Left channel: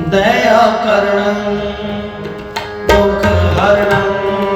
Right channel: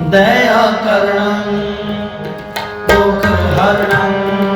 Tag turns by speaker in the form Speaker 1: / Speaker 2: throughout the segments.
Speaker 1: ਦਇਆ ਕਰਨੰ ਦੁਖ ਹਰਨੰ।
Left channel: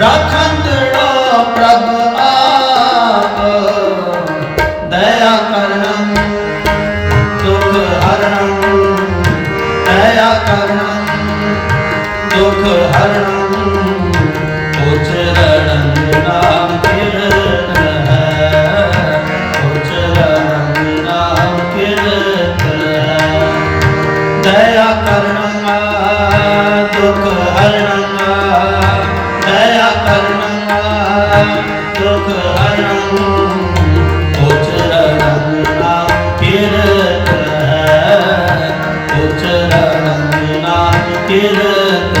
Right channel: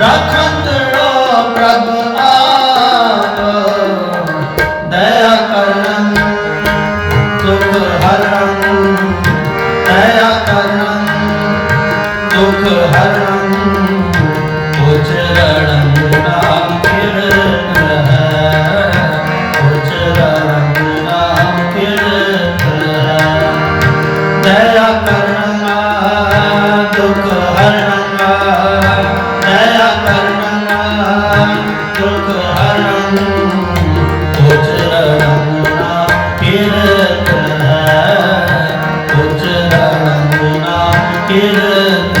Speaker 1: ਰਖੰਡੜਾ ਪ੍ਰਭ ਆਪ ਦਇਆ ਕਰਨ ਦੁਖ ਹਰਨ ਦਇਆ ਕਰਨ ਦੁਖ ਹਰਨ ਕਿਰਤ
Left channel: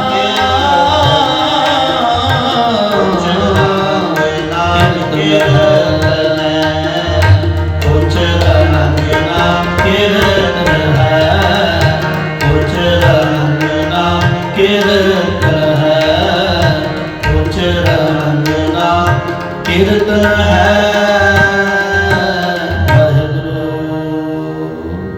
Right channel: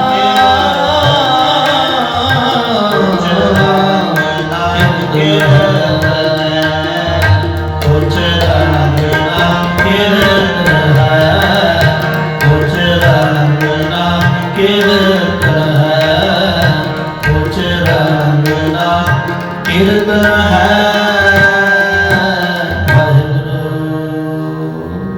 Speaker 1: ਹੈ